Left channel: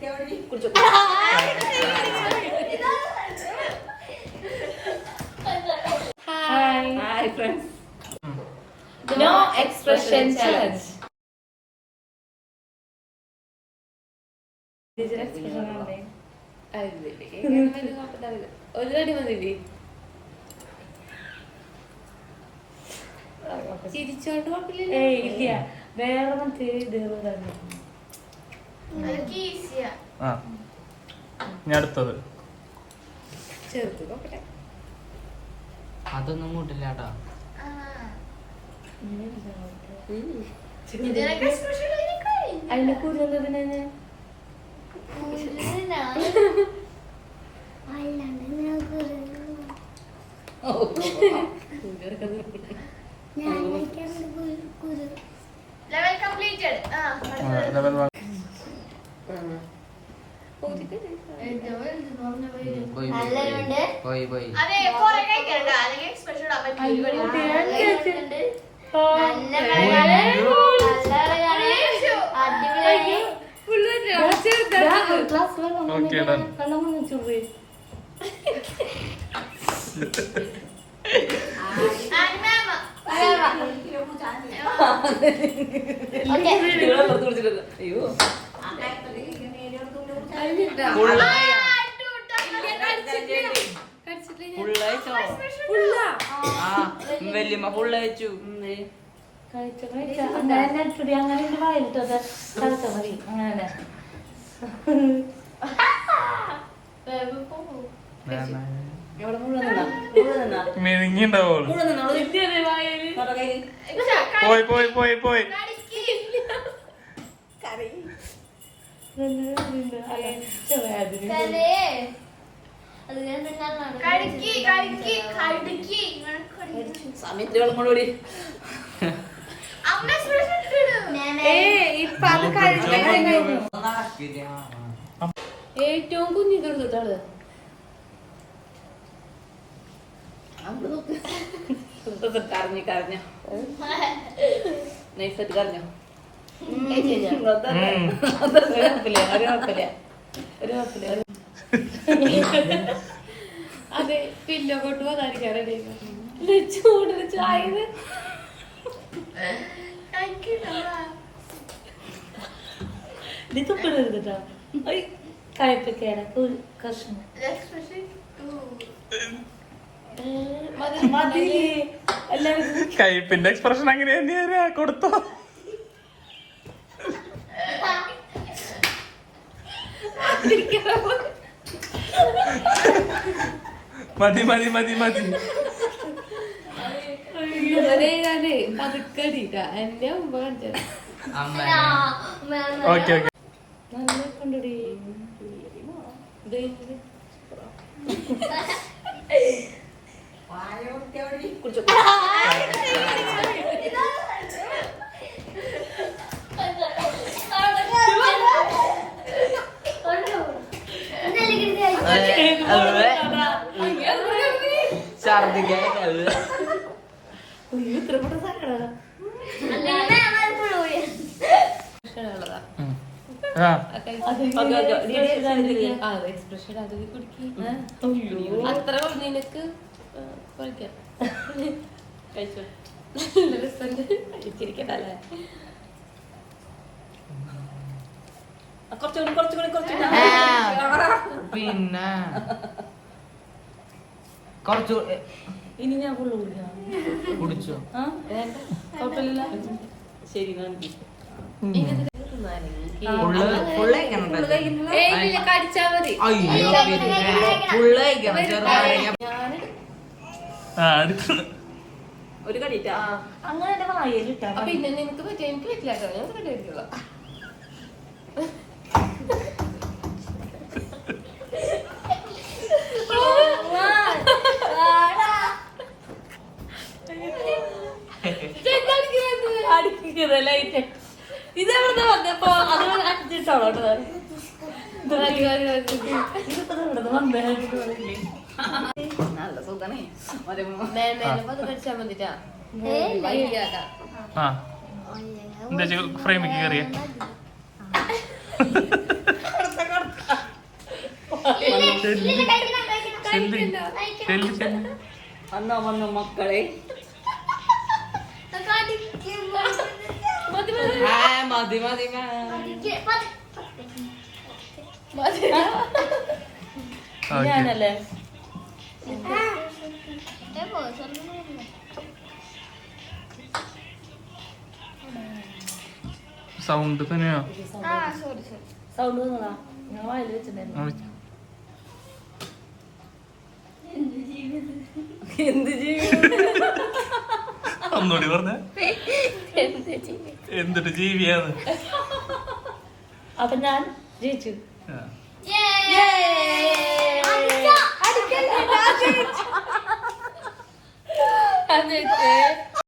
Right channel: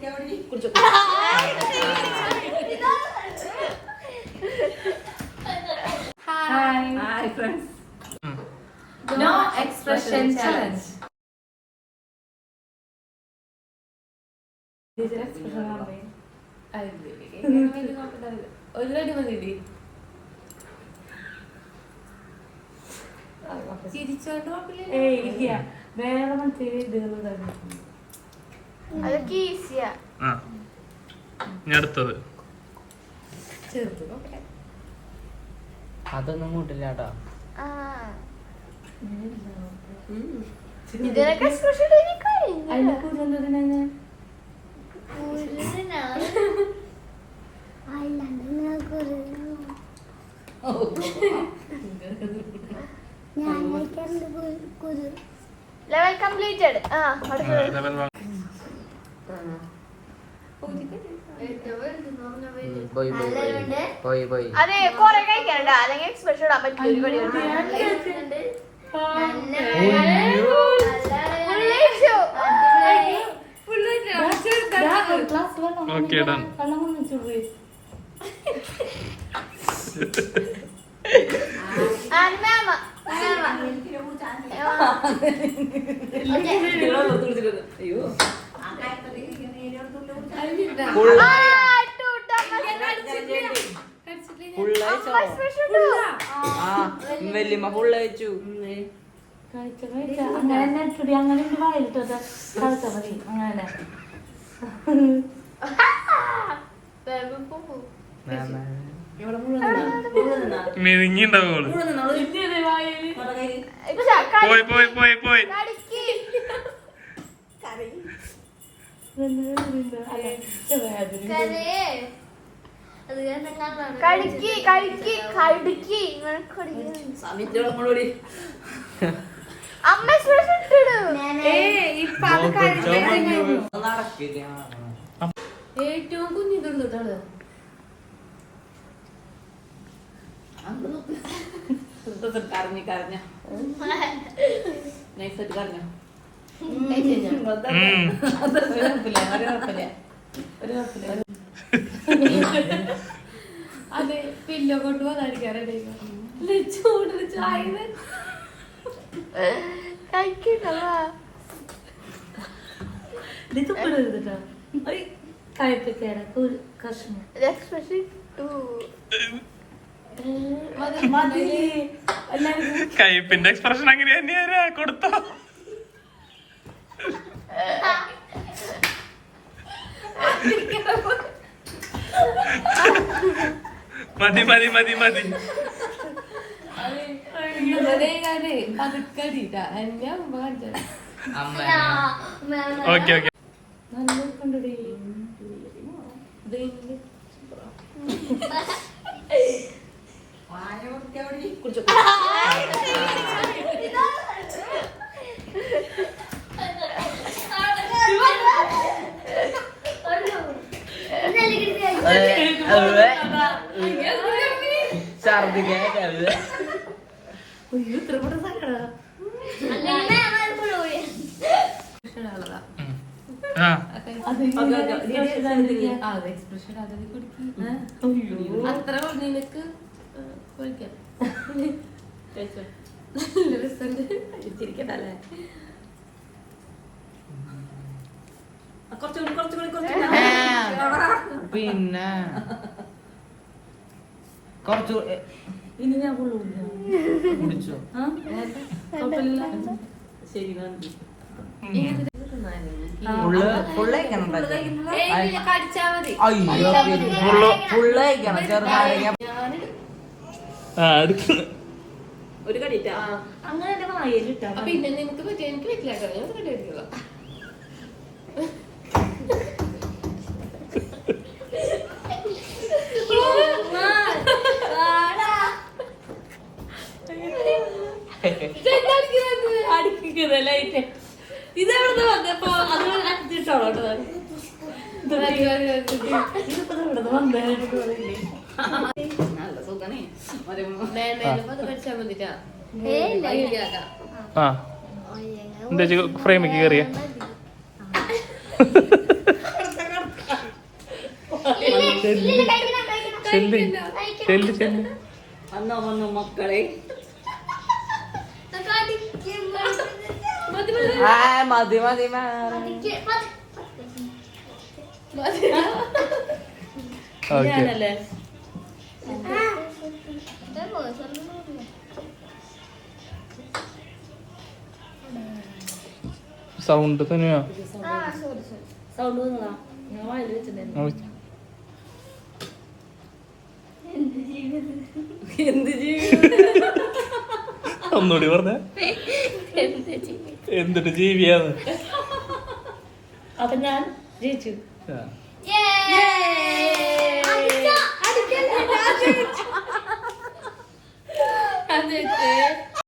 Hi friends. No expression challenge. ഒരു കടി മതി. ചിരിച്ചോണ്ട് കുഴപ്പമില്ല. വേറെ മറ്റേ അടുത്തത് ചെറുത് അതൊന്നും കൂട്ടില്ല കേട്ടോ. അതിന്റെ കൂടുതൽ level completed. പോയി അതെ കൊറേ കഴിക്കണ്ട അല്ലെങ്കിൽ എക്സ്പ്രഷൻ ഇടാൻ പറ്റില്ല. വല്യമ്മ ഫുള്ളയച്ചു. അങ്ങനെ അങ്ങനെ വായിലിട്ടത് കളിച്ച മതി. അങ്ങനെ മെഴുങ്ങിണ്ടാവുള്ളൂ. പോയി ഏറ്റവും കുഞ്ഞു തീർന്നിട്ടാണ് കരഞ്ഞ നൈസായിട്ട് കരഞ്ഞോ. അതെ പില്ലോ കൊണ്ട് വന്നായിരിക്കാറേ ചൂടിന് ചായ തുപ്പിടരുതട്ടോ. കയ്പൊക്കെയാണ് കഷ്ണം കയ്പിന്റെ എക്സ്പ്രഷൻ അങ്ങനെ തന്നെയാ കൊടുത്തു. മതി പതുക്കടിട്ട എന്നെ മുമ്പ് കാണിച്ചത് നല്ല കൊണ്ടടി. ഛർദിക്കാൻ ഇത്രപ്പെട്ട എക്സ്പ്രഷൻ അതൊക്കെ കുടിക്കും. അത്ര നിനക്ക് കഴിക്കാം. കഴിച്ചോ. നല്ല രസമുണ്ട്. ചിരിക്കട്ടല്ലേ. പിന്നെ കുറച്ചു ഇനി ഞാൻ കുടിച്ചോ. കുഴപ്പമില്ല. ശരി കടിച്ചാ മതി. ഒരു കടിയിട്ടാ അങ്ങനെ എന്റെ വായലിട്ടാ. പിന്നെ നിനക്ക് പറ്റിയ എനിക്ക് പറ്റില്ല കേട്ടോ. ഞാൻ കടി പറ്റില്ല. ഇതെവിടെ വന്നപ്പോ അത് അടിച്ചിട്ടോളോ നല്ല സുഖണേ. കടിച്ചാൽ മതിട്ടാ. ഫ്രെയിമിക്ക് കയറിയ വന്നോ വന്നോ മക്കളെ. മതി മതി ഞാനല്ലേ സൗണ്ട് തന്നെയാ. സൗണ്ട് വന്നതാ. ഞാൻ വായിൽ വെച്ചിട്ടുണ്ടായിരുന്നു. എന്ത് ജീവിതം ഒന്നുകൂടി പറഞ്ഞ എന്തിട്ട് ജീവിയാണ്. അപ്പൊ ഞാൻ ജയിച്ചു. അടിക്കല്ലേ